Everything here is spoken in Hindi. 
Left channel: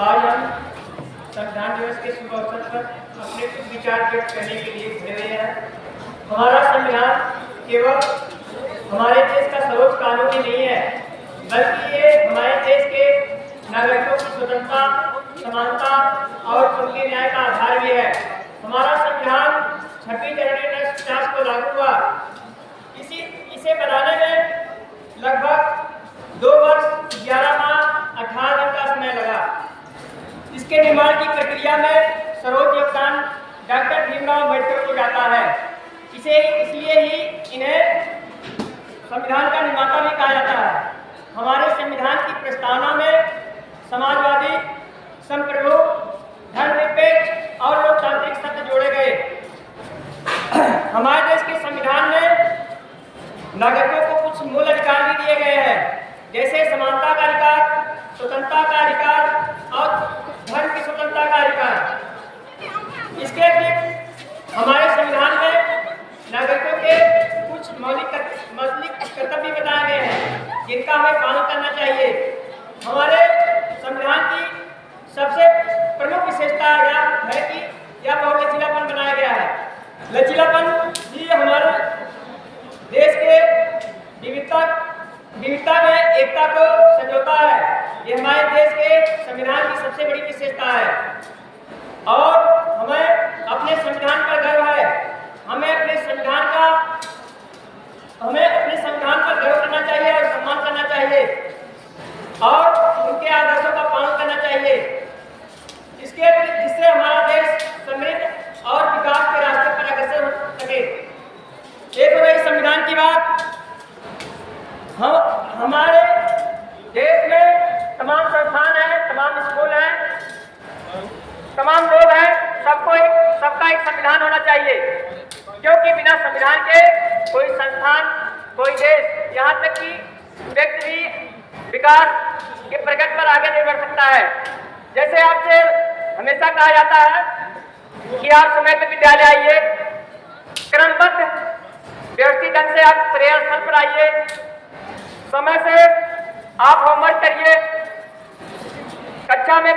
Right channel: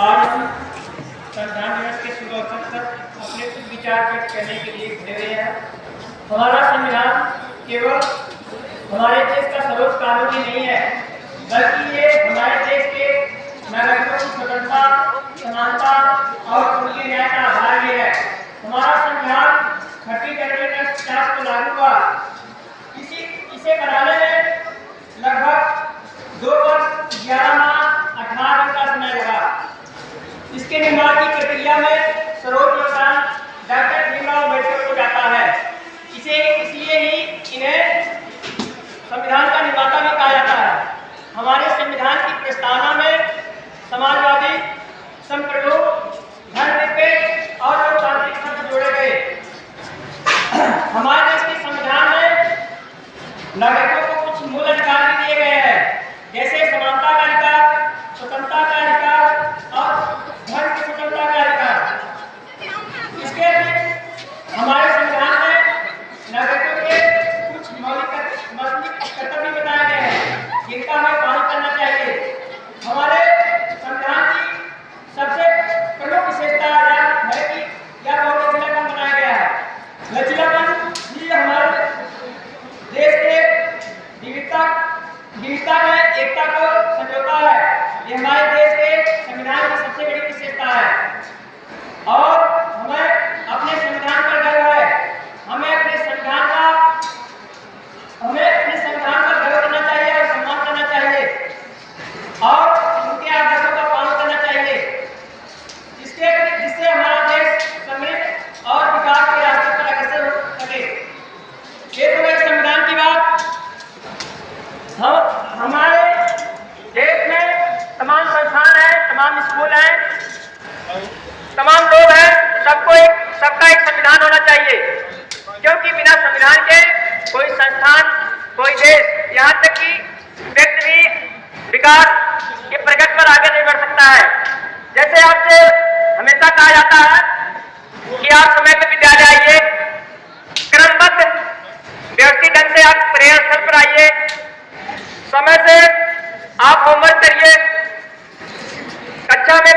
आज हम संविधान दिवस के शुभ अवसर पर अपने कुछ विचार व्यक्त करने के लिए जुड़े हुए हैं। हमारा संविधान केवल हमारे देश का सर्वोच्च कानून ही नहीं है, बल्कि ये हमारे देश के नागरिकों की स्वतंत्रता, समानता और उनके न्याय का आधार भी है। हमारा संविधान 6वीं जनवरी 1950 को लागू हुआ। इसे बनाने में लगभग 2 वर्ष 11 माह 18 दिन का समय लगा। इसके निर्माण की प्रक्रिया में सर्वोच्च योगदान डॉक्टर भीमराव अम्बेडकर को जाता है। इसलिए ही इन्हें संविधान का निर्माता भी कहा जाता है। हमारे संविधान की प्रस्तावना में समाजवादी, संप्रभु, धर्मनिरपेक्ष और लोकतांत्रिक शब्द जोड़े गए। हमारे देश के संविधान में नागरिकों को कुछ मूल अधिकार भी दिए गए हैं, जैसे समानता का अधिकार, स्वतंत्रता का अधिकार और धर्म की स्वतंत्रता का अधिकार। इसके अतिरिक्त हमारे संविधान में नागरिकों के कुछ मौलिक कर्तव्य बताए गए हैं, जिनका हमें पालन करना चाहिए। हमारे संविधान की सबसे प्रमुख विशेषता है कि यह बहुत लचीलापन बनाया गया है। लचीलापन ही हमारे देश के विविधता में एकता को संजोता है। यह हमारे देश के संविधान की सबसे बड़ी विशेषता है और हमें अपने संविधान पर गर्व है। हमें अपने संविधान का गर्व करना चाहिए और सम्मान करना चाहिए और उनके आदर्शों का पालन करना चाहिए, जिससे हमारा देश समृद्ध और विकास के रास्ते पर अग्रसर हो सके। एक संविधान की बात, हमारे देश में तमाम संस्थान हैं, तमाम स्कूल हैं, तमाम लोग हैं, सबका एक संविधान होना चाहिए, क्योंकि बिना संविधान के कोई संस्थान, कोई देश, यहाँ तक कि व्यक्ति भी विकास के प्रगति पर आगे नहीं बढ़ सकता है। जैसे आपसे हमेशा कहा जाता है कि आप समय पर विद्यालय आइए, क्रमबद्ध व्यवस्थित ढंग से आप प्रेयर स्थल पर आइए, समय से आप होमवर्क करिए, कक्षा में